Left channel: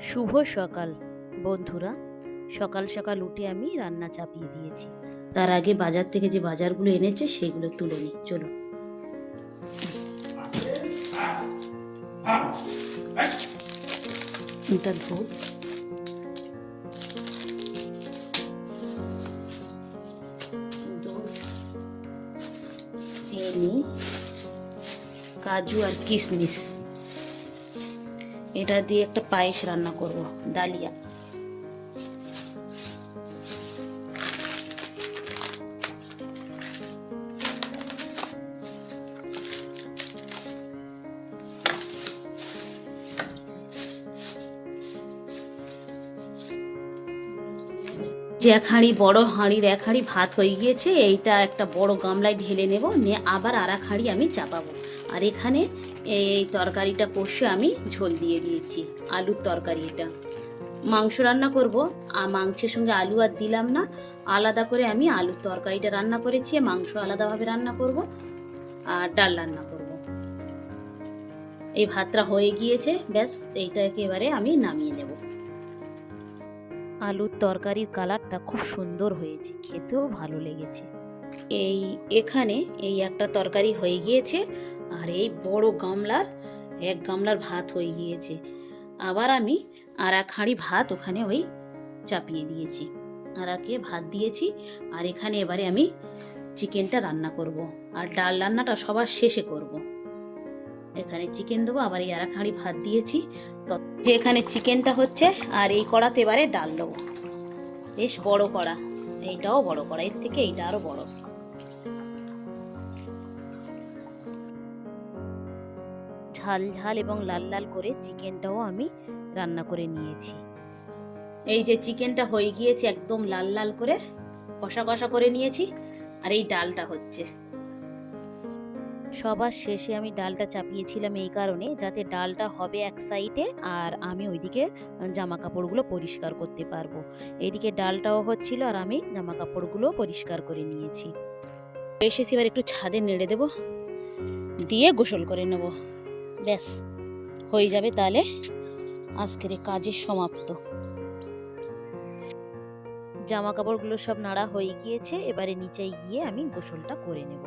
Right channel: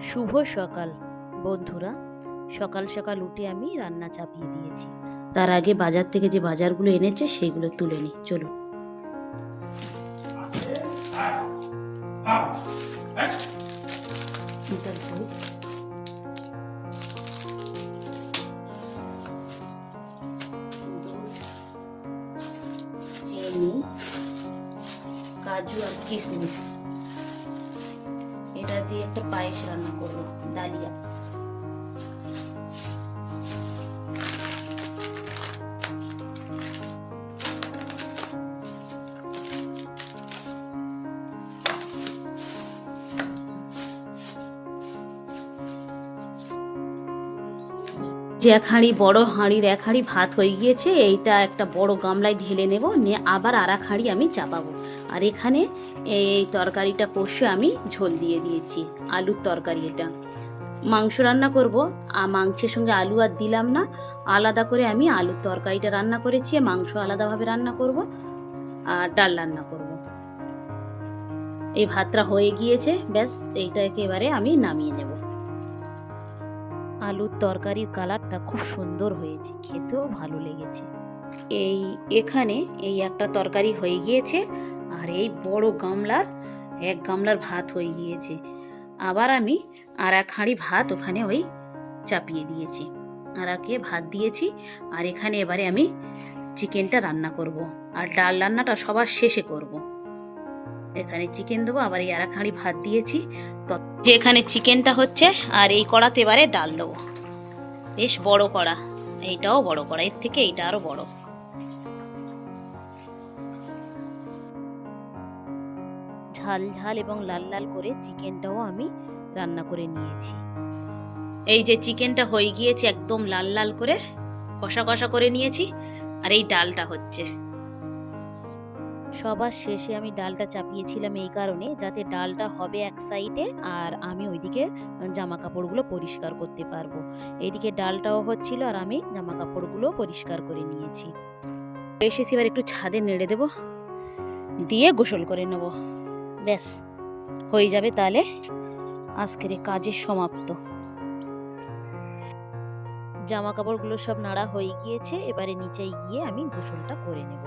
শুভ সকাল বন্ধুরা। সকাল সকাল উঠে আমি রান্না চাপিয়ে দিয়েছি। তার আগে বাজার থেকে যে বাজারগুলো এনেছে সেগুলো তুলে নিই, চলুন। এটা দুধ, চিনি, কাজু আর কিশমিশ, এটা দিয়ে একটা পায়েস রান্না করব, ডালিয়া। যে এক হাঁড়ি, বড় হাঁড়ির এক হাঁড়ি ভাত হয়ে গিয়েছে, এইটা একটা বড় গামলায় ঢেলে নেব, নিয়ে আবার আর এক হাঁড়ি আমি চাপাবো। আর এখানে এই তরকারিটা কষে আমি ঝোল দিয়ে দিয়েছি, আলুর তরকারি। এটা মাংস রান্না করব, আর মাংসের সঙ্গে আলু আর দিলাম না, আলাদা করে আমি আলুর তরকারিটা রান্না করেছি, মাংস আলাদাভাবে রান্না করব আর ডাল রান্না করব। এই ভাতটা হয়ে গিয়েছে, ব্যাস এইটাকে এবারে আমি নামিয়ে নেব। আলুর তরকারির কালারটা খুব সুন্দর হয়েছে, খেতেও ভালো লেগেছে। এখানে এই একটা তরকারি হয়ে গিয়েছে, আর এই বড় গামলার এক গামলার ভাত হয়ে গিয়েছে। আবার আমি আর এক হাঁড়ি ভাত ওখানে ওই চাপিয়ে দিয়েছি, আর একে ভাত দিয়েছি। আর এখানে এবারে আমি চিকেনটা রান্না করব, আর ডাল রান্নাটা সবার শেষে করব। এখানে চিকেন দেবো, আবার এই আর এক হাঁড়ি ভাত দিয়েছি, তো যে এখানে চিকেনটা হচ্ছে, আর এই কড়াতে এবারে ডাল দেবো। বেশ বড় কড়া, এইটাও বড় কড়া, এর থেকে এইটা আরো বড়। ঝাল ঝাল এবং লাল লাল করে চিকেনটাও আমি রান্না করে নিয়েছি। এই যে চিকেনটা হয়ে গিয়েছে, একদম লাল লাল করে কষা কষা করে নিয়েছি, আর এই ডালটা হচ্ছে। সবার শেষে আমি ডালটা চাপিয়েছিলাম এই কারণে, যাতে ডালটা হবে এক সাইডে আর আমি ওইদিকে জামা কাপড়গুলো পরিষ্কার করতে পারবো। এইদিকে ডালটাও হচ্ছিল আর আমি জামা কাপড়গুলো পরিষ্কার করে নিয়েছি। এসেছি, এবার একটু ছাদে নেড়ে দেবো, দিয়ে গোসল করে নেব, ব্যাস হয়ে যাবে তাহলে আজকের কাজের সমাপ্ত। জামা কাপড়গুলো সব নাড়া হয়ে গিয়েছে, এবারে নিচে গিয়ে আমি গোসলটা করে নেব।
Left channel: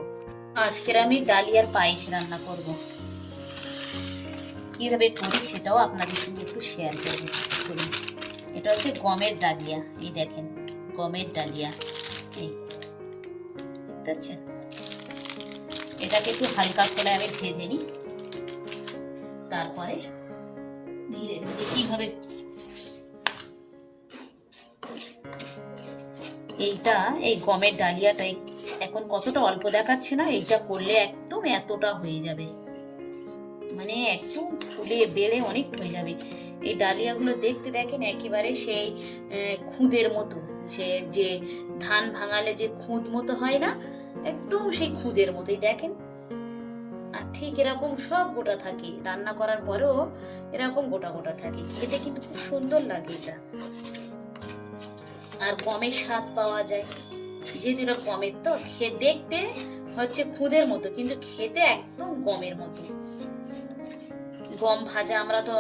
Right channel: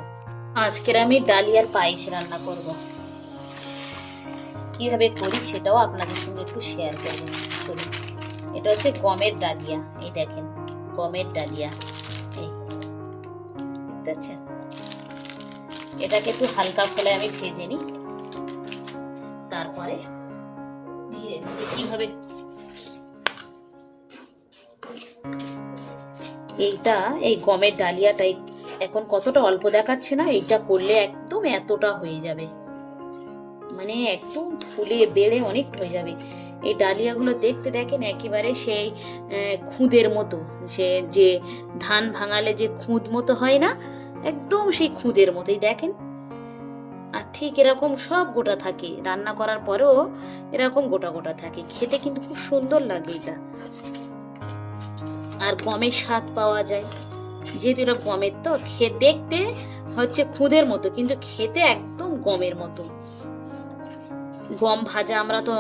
আজকের আমি ডালিয়ার পায়েস রান্না করব, কিভাবে করি সেটাও আপনাদের সঙ্গে একটু শেয়ার করব। এটা হচ্ছে গমের ডালিয়া, এই দেখেন গমের ডালিয়া, এই দেখতে পাচ্ছেন। এটাকে একটু হালকা খোলায় আমি ভেজে নিই, তারপরে ধীরে ধীরে কিভাবে এইটা, এই গমের ডালিয়াটাই এখন কতটা অল্প দেখাচ্ছে না, এইটা করলে একদম এতটা হয়ে যাবে, মানে একদম ফুলে বেড়ে অনেক হয়ে যাবে। এই ডালিয়াগুলো দেখতে দেখেন একেবারে সেই খুদের মতো, সে যে ধান ভাঙালে যে খুদ মতো হয় না, একদম সেই খুদের মতোই দেখেন। আর ঠিক এরকম সব গোটা থাকে, রান্না করার পরেও এরকম গোটা গোটা থাকে, খেতে কিন্তু খুব সুন্দর লাগে এটা। আর গমের স্বাদ পাওয়া যায়, যেহেতু এটা গমের, তো দেখতে হচ্ছে খুদের মতো, কিন্তু খেতে একদম গমের মতো। গম ভাজা আমরা তো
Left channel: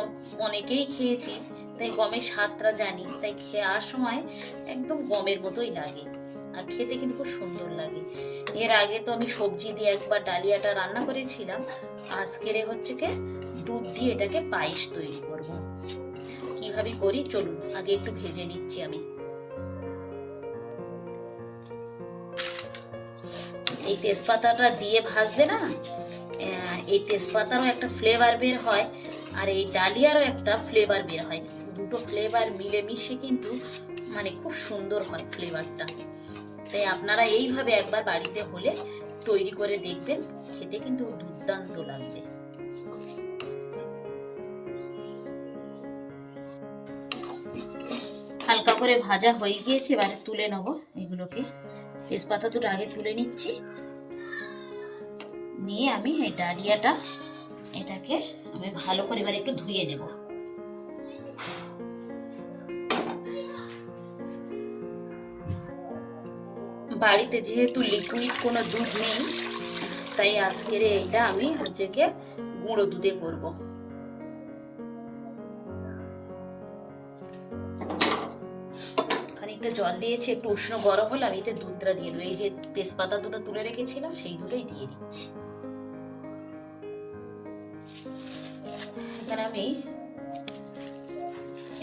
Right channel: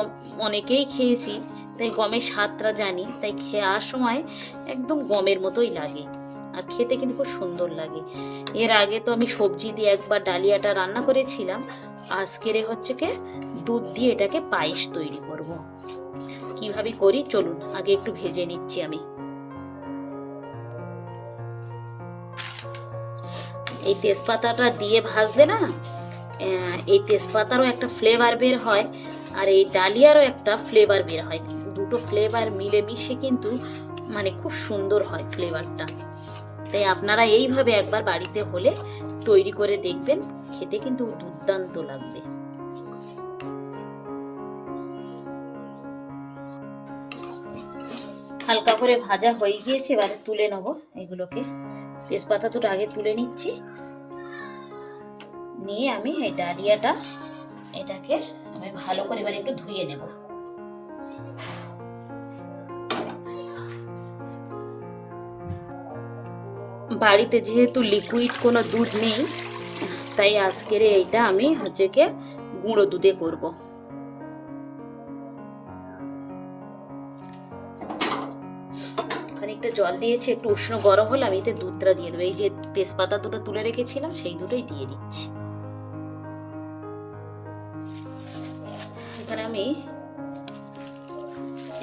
অনেকেই খেয়েছি, তাই গমের স্বাদটা জানি, তাই খাওয়ার সময় একদম গমের মতোই লাগে, আর খেতে কিন্তু খুব সুন্দর লাগে। এর আগে তো আমি সবজি দিয়ে একবার ডালিয়াটা রান্না করেছিলাম, আজকের হচ্ছে কি দুধ দিয়ে এটাকে পায়েস তৈরি করব। কিভাবে করি চলুন, আগে একটু ভেজে নিচ্ছি আমি। এই তেজপাতাটা দিয়ে ভাজলে না, এই তেজপাতারও একটা ফ্লেভার বের হয়, আর এই ডালিয়ারও একটা ফ্লেভার বের হয়, দুটো ফ্লেভার মিলেমিশে কিন্তু মানে খুব সুন্দর হয় ফ্লেভারটা। তাই আপনারা এইভাবে একবার বাড়িতে হলে তৈরি করে দেখবেন, খেতে কিন্তু দুর্দান্ত লাগবে। হালকা করে ভাজা হয়ে গিয়েছে, এবারে তুলে নেব এগুলোকে। তেজপাতা দুটো আগে তুলে নিচ্ছি, নিয়ে আমি এই ডালিয়াটা এটাকে আমি ভালো করে এবার একটু ধুয়ে নেব। বাড়িতে যেহেতু লিকুইড কোনো দুধ নেই, তাই আজকের এইটা আমি হচ্ছে কি গুঁড়ো দুধে করব। খানিকটা জল দিয়েছি, একটু উষ্ণ গরম হলে আমি এতে দুধটা দিয়ে দেবো। এই যে তেজপাতা দুটো তুলে রেখেছিলাম সেই দুটোই দিয়ে দিচ্ছি।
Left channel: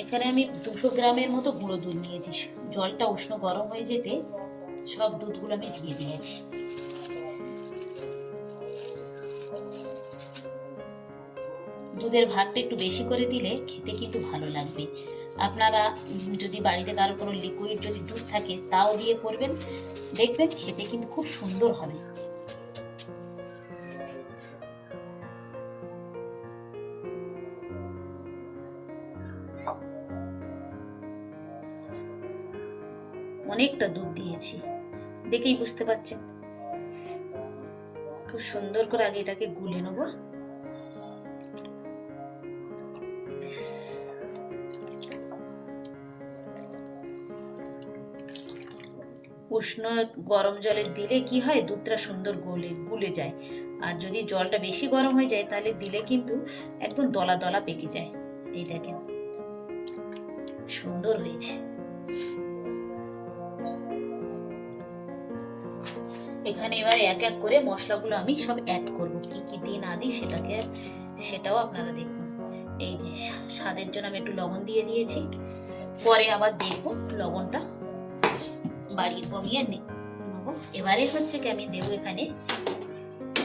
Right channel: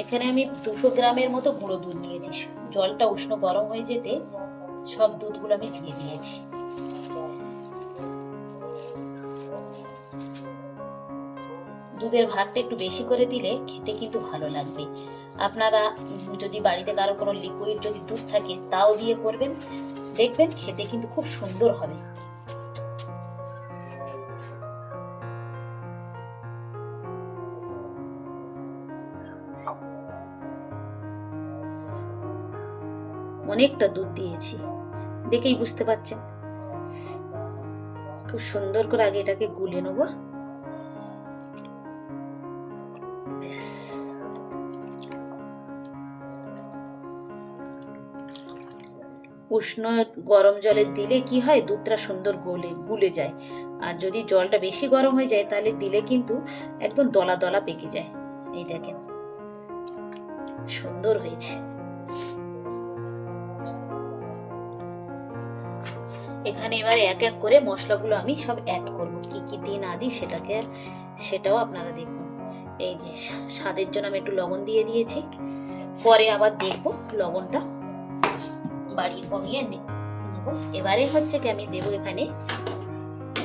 এখানে আমি 200 গ্রামের মতো গুঁড়ো দুধ নিয়েছি। জলটা উষ্ণ গরম হয়ে যেতে সব দুধগুলো আমি দিয়ে দিয়েছি। দুধের ভাগটা একটু বেশি করে দিলে খেতে কিন্তু ভালো লাগবে। আপনারা যদি বাড়িতে কারো কোনো লিকুইড যদি দুধ থাকে তাও দিয়ে করবেন, দেখবেন খেতে কিন্তু খুব সুন্দর হবে। অনেকটা দুধ দিয়েছি, দেখেই বুঝতে পারছেন। খুব সুন্দর করে আগে এটাকে গুলে নেব। উষ্ণ গরম জলে দিলে কি হয়, দুধটা সুন্দর গুলে যায়। আর যদি জলটা বেশি গরম হয়ে যায় তাহলে দিলে কিন্তু একদম দলা দলা পেকে যায়। এই দেখেন সুন্দর হয়েছে। এখানে এবার এক এক করে মশলাগুলো আমি সব অ্যাড করব। কি কি দিই না দিই সেটাও আপনারা দেখুন। এই যে স্বাদের জন্য আমি একটু লবণ দিয়ে দিয়েছি, পরে আবার দেখবো লবণটা বাড়িয়ে কমিয়ে নেব। এবারে হচ্ছে কি আমি দেবো এখানে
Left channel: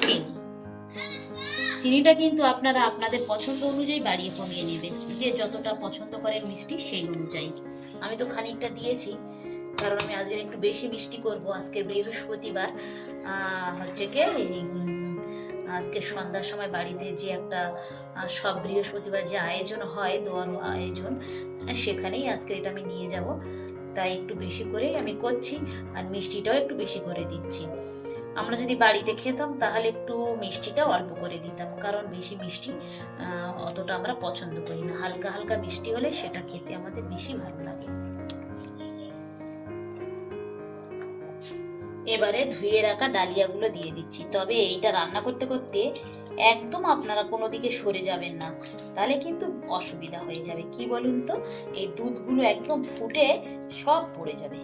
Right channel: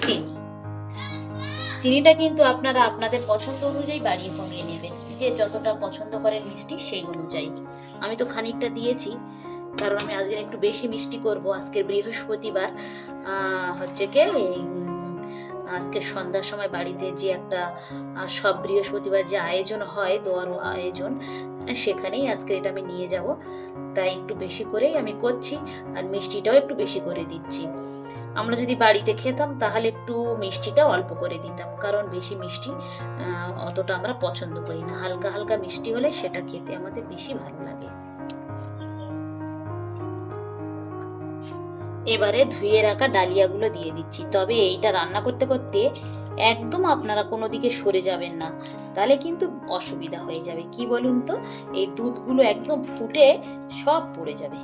চিনি। চিনিটা কিন্তু আপনারা আপনাদের পছন্দ অনুযায়ী বাড়িয়ে কমিয়ে নেবেন, যে যতটা পছন্দ করেন মিষ্টি সেই অনুযায়ী। আমি তো খানিকটা দিয়েছি, কারণ আমি আজকে একটু বেশি মিষ্টি করব। আজকে বৃহস্পতিবার, হচ্ছে কি আজকে সন্ধ্যার সময় বাড়িতে যে একটা সব বৃহস্পতিবার যে আয়োজন হয়, দোয়ার আয়োজন, সেখানেই আজকে এটা আমি নিয়ে যাব। তাই একটু বেশি করেই আমি করছি, আর মিষ্টিটাও একটু বেশি করে দিচ্ছি। আমরা যদি বাড়িতে খেতাম তাহলে একটু মিষ্টিটা অল্প করে দিতাম, কারণ বেশি মিষ্টি অতটা আমরা পছন্দ করি না। হালকা হালকা মিষ্টি হলে সেটা খেতে আমাদের বেশি ভালো লাগে। এবারে ধুয়ে রাখা ডালিয়াগুলো দিয়ে দিচ্ছি। তবে এইটা রান্না করতে করতে একদম আপনারা কোনো দিকে সরে যাবেন না, তাহলে কিন্তু অসুবিধা হয়ে যাবে। কি বলুন তো, এই দুধগুলো একদম ফুটে সব পড়ে যাবে।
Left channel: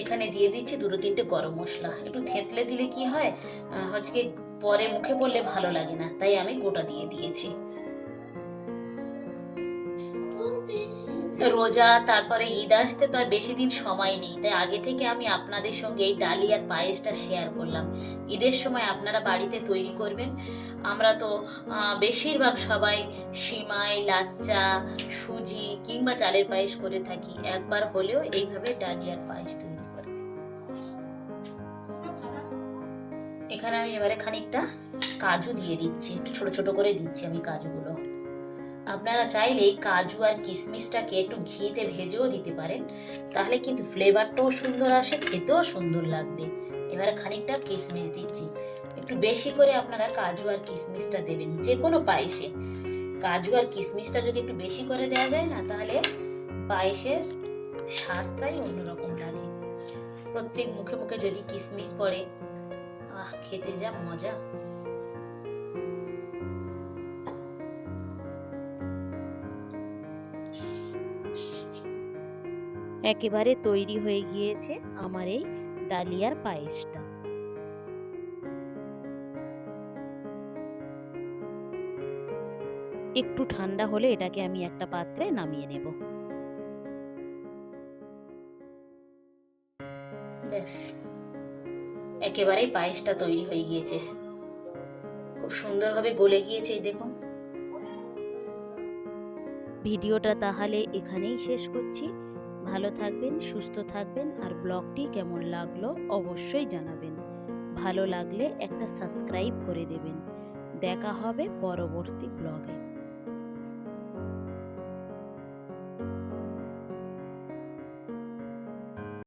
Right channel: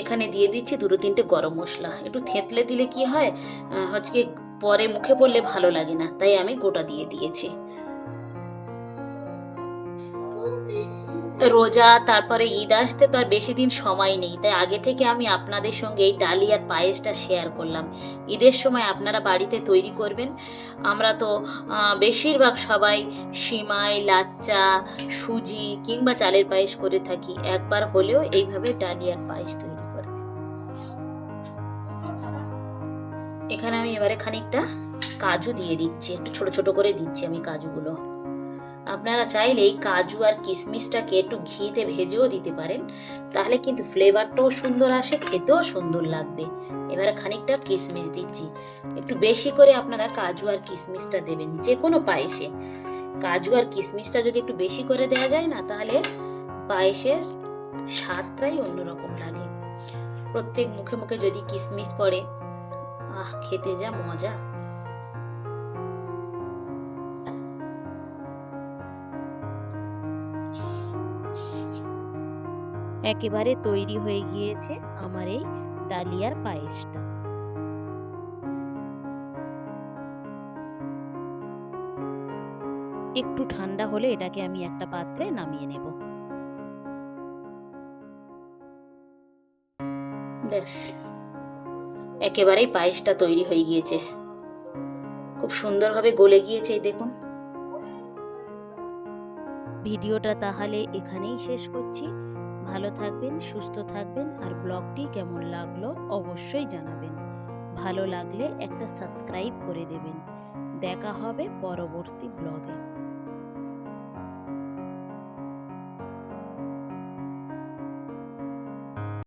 এখানে দিয়ে দিচ্ছি 2-3টে গরম মশলা। একটু থেঁতলে দিলে কি হয়, হচ্ছে পরে মুখে পড়লে ভালো লাগে না, তাই আমি গোটা দিয়ে দিয়েছি। রোজা, তারপরে ঈদ আসতে তো আর বেশি দিন সময় নেই, তাই আগে থেকে আমি আপনাদের সঙ্গে এই ডালিয়ার পায়েসটা শেয়ার করলাম। ঈদের সময় আপনারা বাড়িতে তৈরি করবেন। আমরা তো বেশিরভাগ সবাই সিমাই, লাচ্চা, সুজি কিংবা চালের পায়েস করে থাকি। একবার হলেও এইভাবে ডালিয়ার পায়েস তৈরি করে। এখানে আমি এবারে খানিকটা কাজু দিয়ে দিচ্ছি, একটু ছোট ছোট করে দিচ্ছি আমি কাজুগুলো। আপনারা চাইলে এই কাজু আর কিশমিশটাকে একটু ঘিতে ভেজেও দিতে পারেন, তাহলে কিন্তু ফ্লেভারটাও সুন্দর আসে, খেতেও সুন্দর লাগবে। এবারে খানিকটা কিশমিশ দিচ্ছি, একটু বেশি করে আপনারা কাজু আর কিশমিশটা দেবেন যে কোনো পায়েসে। কাজু আর কিশমিশটা যদি একটু বেশি করে দেওয়া যায় না, তাহলে পায়েসের স্বাদটাই অন্যরকম লাগে। প্রত্যেক মুখে মুখে যদি কিশমিশ পড়ে, খেতে যা মজা। একেবারে তৈরি হয়ে গিয়েছে আমার এই ডালিয়ার পায়েসটা। একটু ঠান্ডা হলে এটাকে আমি একটা পাত্রে নামিয়ে নেব। ব্যাস, একেবারেই পায়েসটা তৈরি হয়ে গিয়েছে, খুব সুন্দরভাবে গলে গিয়েছে। এই দেখুন। ভিডিওটা তাহলে এখানেই শেষ করছি। ভালো থাকবেন, সুস্থ থাকবেন, আর ব্লগটি কেমন লাগলো অবশ্যই জানাবেন। ভালো লাগলে একটা সাবস্ক্রাইব করে দেবেন। দেখা হবে পরবর্তী ব্লগে।